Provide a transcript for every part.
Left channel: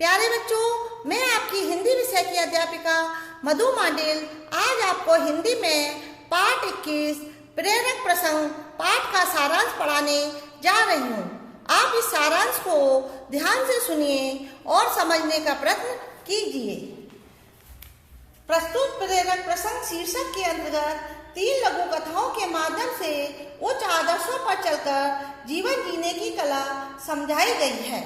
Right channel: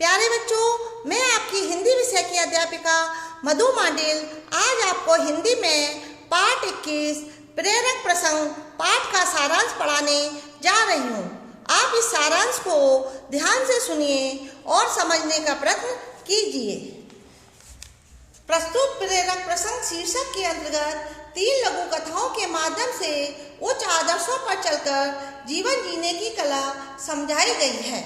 प्यारे बच्चों, मैं आपकी हिंदी विषय की अध्यापिका मधु मांडेल आज आपको हिंदी में पाठ 21 प्रेरक प्रसंग पाठ का सारांश पढ़ाने जा रही हूँ। आप इस सारांश को ध्यान से सुनिए और समझने का प्रयत्न कीजिए। प्रस्तुत प्रेरक प्रसंग शीर्षक के अंतर्गत 3 लघु कथाओं के माध्यम से उच्च आदर्शों पर चलकर जीवन जीने की कला समझाई गई है।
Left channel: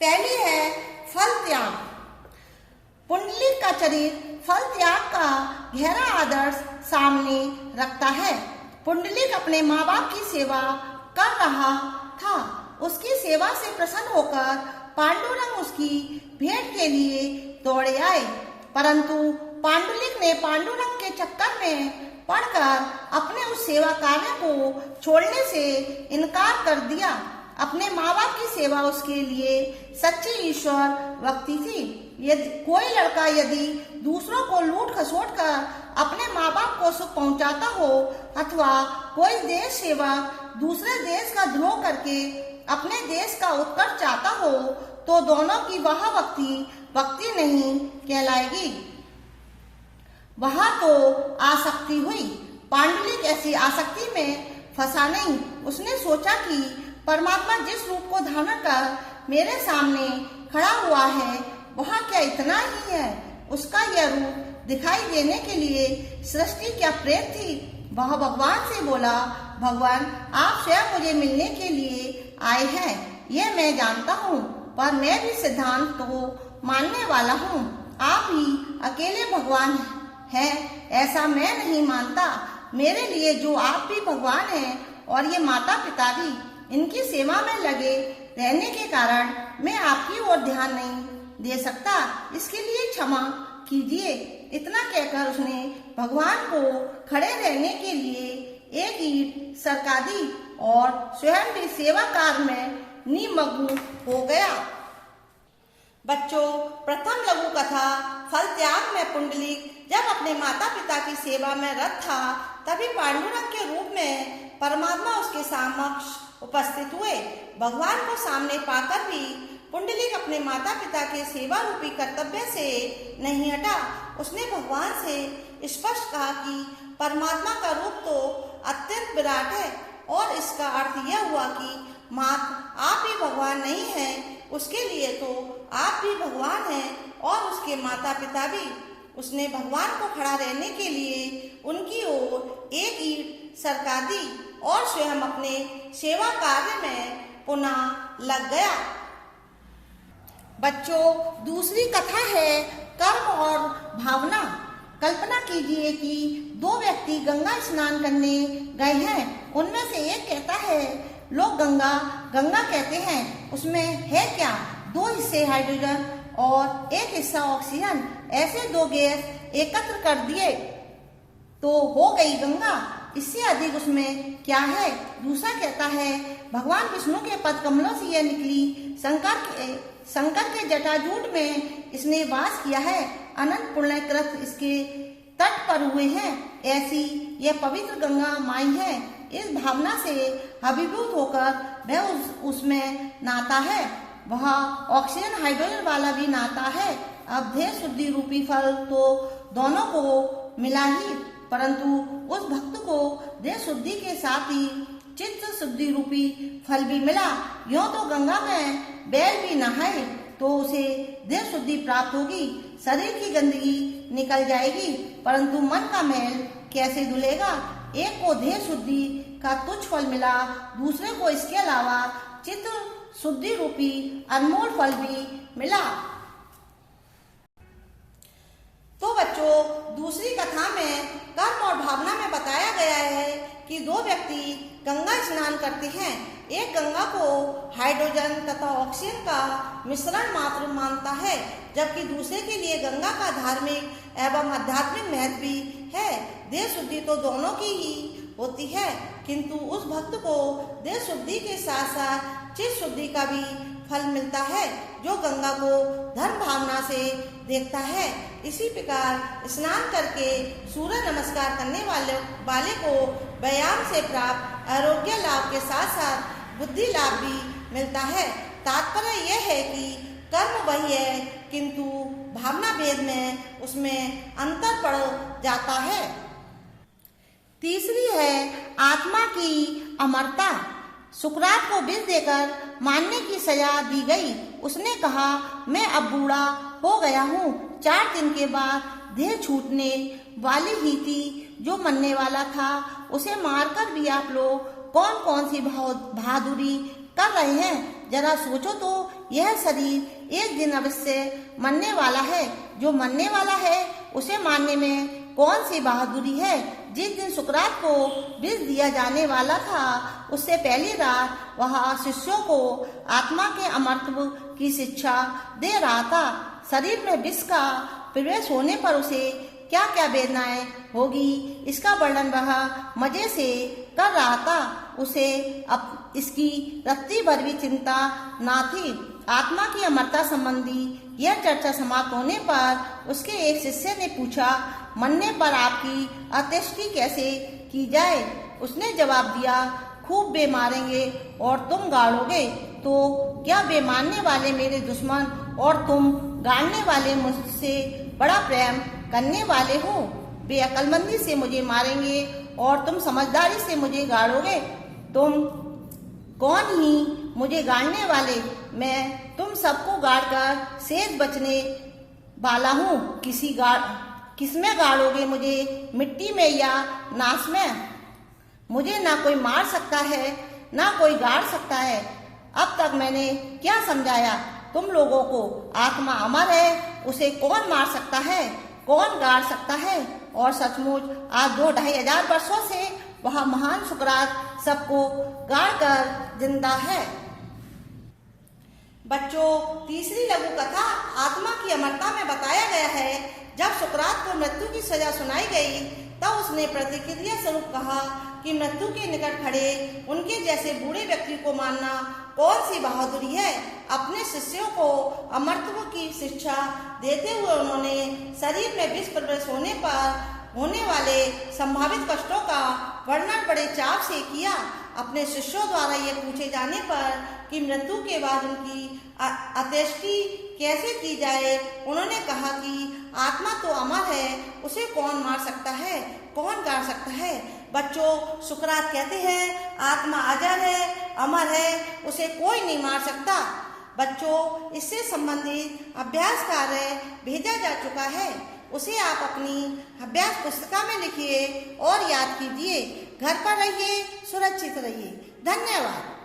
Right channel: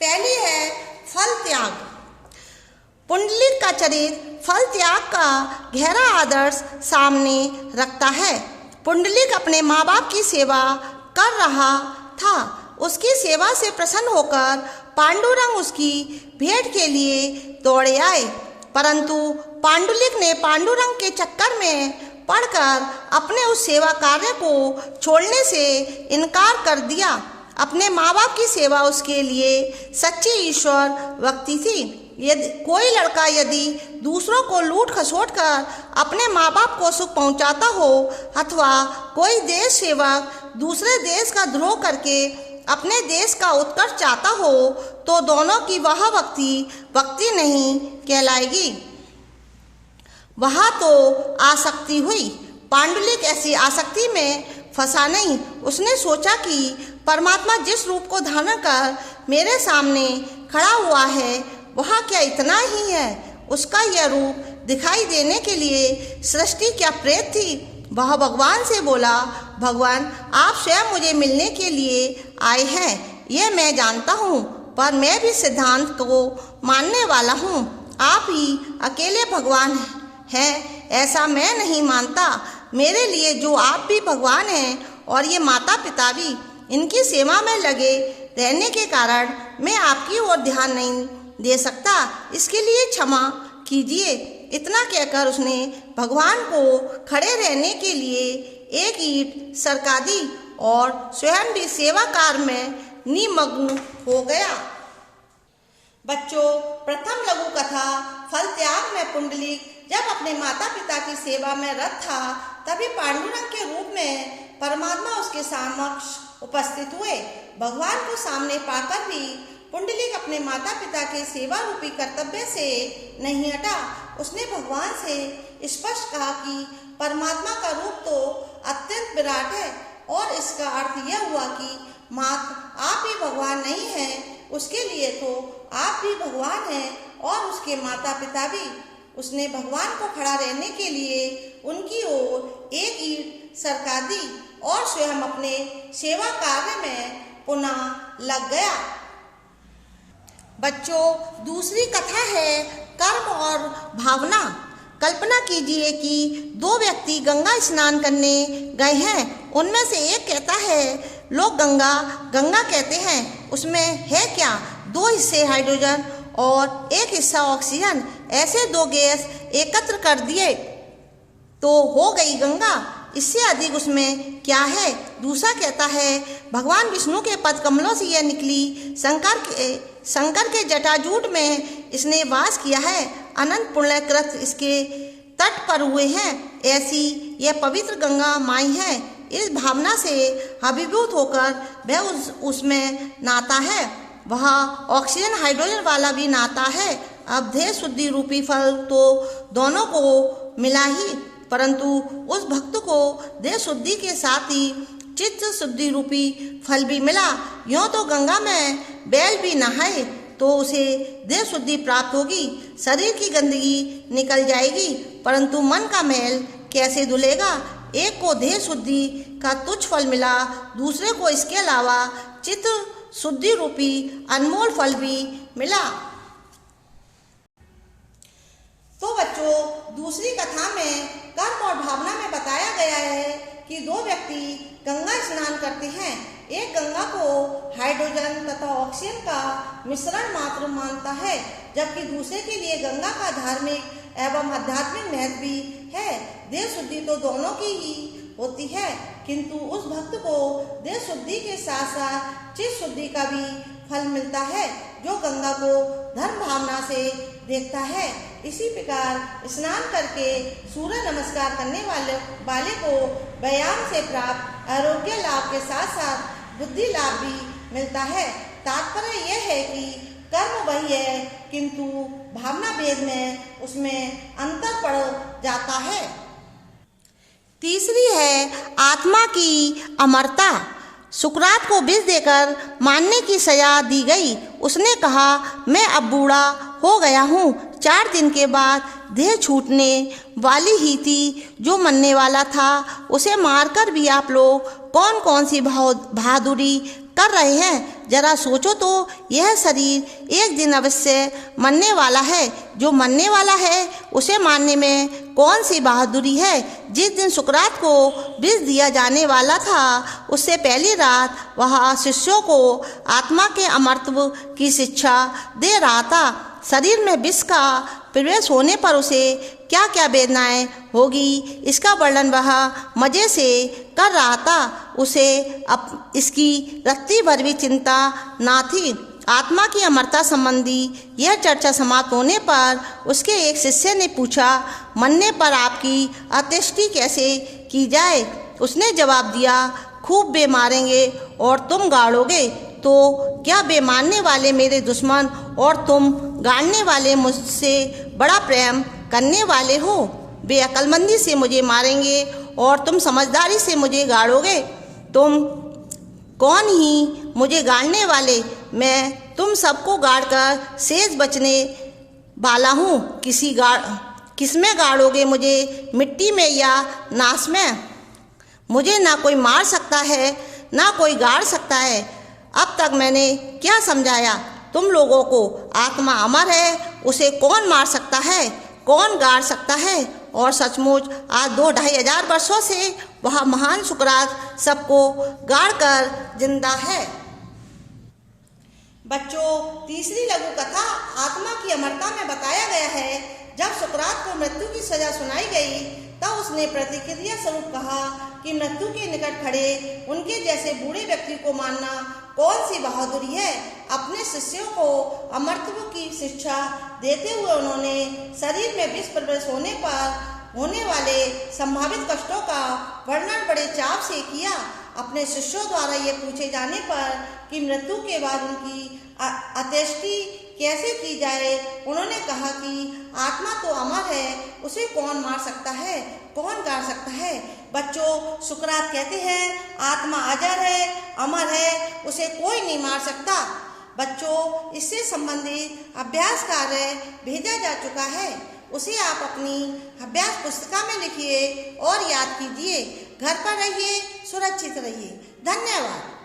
पहली है फल त्याग। पुंडलिक का चरित्र फल त्याग का गहरा आदर्श सामने रखता है। पुंडलिक अपने माँ बाप की सेवा कर रहा था। उसकी सेवा से प्रसन्न होकर पांडुरंग उसकी भेंट के लिए दौड़े आए, परंतु पांडुलिक ने पांडुरंग के चक्कर में पड़कर अपने उस सेवा कार्य को छोड़ने से इनकार कर दिया। अपने माँ बाप की सेवा उसके लिए सच्ची ईश्वर भक्ति थी। यदि कोई लड़का दूसरों को लूट खसोट कर अपने माँ बाप को सुख पहुंचाता हो अथवा कोई देश सेवक दूसरे देश का द्रोह करके अपने देश का उत्कर्ष चाहता हो तो दोनों की वह भक्ति नहीं कहलाएगी, वह तो आसक्ति हुई। पांडुलिक ऐसी आसक्ति में फंसा नहीं। उसने सोचा कि परमात्मा जिस रूप को धारण कर मेरे सामने खड़ा हुआ है वह क्या इतना ही है? उसका यह रूप दिखाई देने के लिए सृष्टि क्या प्रेत थी? वह भगवान से बोला, भगवान आप स्वयं मुझे मिलने के लिए आए हैं, ये मैं जानता हूँ, पर मैं भी सिद्धांत को मानने वाला हूँ। आप ही अकेले भगवान हैं, ऐसा मैं नहीं मानता। मेरे लिए जो आप भी भगवान हैं और ये माता पिता भी, इनकी सेवा में लगे रहने के कारण मैं आपकी ओर ध्यान नहीं दे सकता, इसके लिए क्षमा कीजिए। इतना कहकर उसने भगवान को खड़े रहने के लिए एक ईंट सरका दी और स्वयं भी सेवा कार्य में निमग्न हो गया। बच्चों, प्रथम लघु कथा फल त्याग में पुंडलिक जब अपने माता पिता की सेवा में रत था, तभी पांडुरंग के रूप में परमात्मा उसके समक्ष उपस्थित हुए। भगवान को सामने पाकर भी पुंडलिक अपने माता पिता के सेवा रूपी कर्तव्य से नहीं हटा। उसने भगवान से स्पष्ट कहा कि परमात्मा का रूप तो अत्यंत विराट है और इसका अर्थ यह हुआ कि मात्र आप ही भगवान नहीं हैं, उसके लिए तो आप भी भगवान हैं और उसके माता पिता भी। उसने भगवान को खड़ा रहने के लिए उनकी ओर एक ईंट सरका दी और स्वयं अपने सेवा कार्य में पुनः लग गया। बच्चों, दूसरी कथा है कर्म और भावना। कल्पना कीजिए कि 2 व्यक्ति गंगा स्नान करने गए हैं। उनमें से एक कहता है, लोग गंगा गंगा कहते हैं, उसमें है क्या? 2 हिस्से हाइड्रोजन और 1 हिस्सा ऑक्सीजन, ऐसे 2 गैस एकत्र कर दिए तो हो गई गंगा, इससे अधिक उसमें क्या है? दूसरा कहता है, भगवान विष्णु के पद कमलों से यह निकली, शंकर के जटाजूट में इसने वास किया है, अनंत पुण्यकृत इसके तट पर हुए हैं, ऐसी यह पवित्र गंगा माई है। इस भावना से अभिभूत होकर वह उसमें नाता है। वह ऑक्सीजन हाइड्रोजन वाला भी नाता है। अब देह शुद्धि रूपी फल तो दोनों को मिला ही, परंतु उस भक्त को देह शुद्धि के साथ ही चित्त शुद्धि रूपी फल भी मिला। यूं तो गंगा में बैल भी नहाए तो उसे देह शुद्धि प्राप्त होगी, शरीर की गंदगी निकल जाएगी, परंतु मन का मैल कैसे धुलेगा? एक को देह शुद्धि का तुच्छ फल मिला, दूसरे को इसके अलावा चित्त शुद्धि रूपी अनमोल फल भी मिला। तो बच्चों, दूसरी कथा में कर्म और भावना में बताया गया है कि 2 व्यक्ति गंगा स्नान करते हैं। एक गंगा को हाइड्रोजन तथा ऑक्सीजन का मिश्रण मात्र मानता है, जबकि दूसरे के लिए गंगा का धार्मिक एवं आध्यात्मिक महत्व भी है। देह शुद्धि तो दोनों की ही होती है, किंतु उस भक्त को देह शुद्धि के साथ साथ चित्त शुद्धि का भी फल मिलता है, जो गंगा को धर्म भावना से देखता है। इसी प्रकार स्नान करके सूर्य नमस्कार करने वाले को व्यायाम से प्राप्त आरोग्य लाभ के साथ साथ बुद्धि लाभ भी मिलता है। तात्पर्य यह है कि कर्म वही है, किंतु भावना भेद में उसमें अंतर पड़ जाता है। तीसरी है आत्मा की अमरता। सुकरात को विष देकर मारने की सजा दी गई। उसने कहा, मैं अब बूढ़ा हो गया हूँ। 4 दिन के बाद देह छूटने वाली ही थी। जो मरने वाला था उसे मारकर भी आप लोग कौन कौन सी बहादुरी कर रहे हैं। जरा सोचो तो, यह शरीर एक दिन अवश्य मरने वाला है। जो मरने वाला है उसे मारने में कौन सी बहादुरी है। जिस दिन सुकरात को विष दिया जाने वाला था उससे पहली रात वह शिष्यों को आत्मा के अमरत्व की शिक्षा दे रहा था। शरीर में विष का प्रवेश होने पर उसे क्या क्या वेदनाएं होगी, इसका वर्णन वह मजे से कर रहा था। उसे अब इसकी रत्ती भर भी चिंता ना थी। आत्मा की अमरता संबंधी यह चर्चा समाप्त होने पर उसके एक शिष्य ने पूछा, मरने पर आपकी अंत्येष्टि कैसे की जाए। उसने जवाब दिया, खूब बे मारेंगे और तुम गाड़ोगे। तो क्या बे मारने वाले मेरे दुश्मन और तुम गाड़ने वाले मुझसे बड़ा प्रेम करने वाले हो। बे अक्लमंदी से मुझे मारेंगे और तुम समझदारी से मुझे गाड़ोगे। तुम कौन ही मुझे गाड़ने वाले, मैं तुम सबको गाड़कर शेष बचने वाला हूँ। किसमें गाड़ोगे मुझे, मिट्टी में या नाश में। मुझे ना कोई मार सकता है ना कोई गाड़ सकता है। अब तक मैंने क्या समझाया तुम लोगों को। आत्मा अमर है, उसे कौन मार सकता है, कौन गाड़ सकता है। और सचमुच आज 2-2.5 हजार वर्षों से वह महान सुकरात सबको गाड़ कर जिंदा है। बच्चों, तीसरी लघु कथा आत्मा की अमरता में बताया गया है, जब सुकरात को मृत्यु की सजा सुनाई गई तब उसने प्रतिक्रिया स्वरूप कहा कि मृत्यु के निकट खड़े उनके जैसे बूढ़े व्यक्ति को मारना कौन सी बहादुरी है। अपने शिष्यों को अमरत्व की शिक्षा देते हुए उन्होंने शरीर में विष प्रवेश होने पर होने वाले संभावित कष्टों का वर्णन बड़े चाव से किया। अपने शिष्यों द्वारा ये पूछे जाने पर कि मृत्यु के बाद उनकी अंत्येष्टि कैसे की जाए, उन्होंने कहा कि आत्मा तो अमर है, उसे कौन मार सकता है, कौन गाड़ सकता है। बच्चों, सुकरात कहते हैं आत्मा अजर है, अमर है, उसे कोई नहीं मार सकता। बच्चों, इससे संबंधित अभ्यास कार्य भेजा जा चुका है, उसे आप अपनी अभ्यास पुस्तिका में लिखिए और याद कीजिए। घर पर रहिए, सुरक्षित रहिए। धन्यवाद।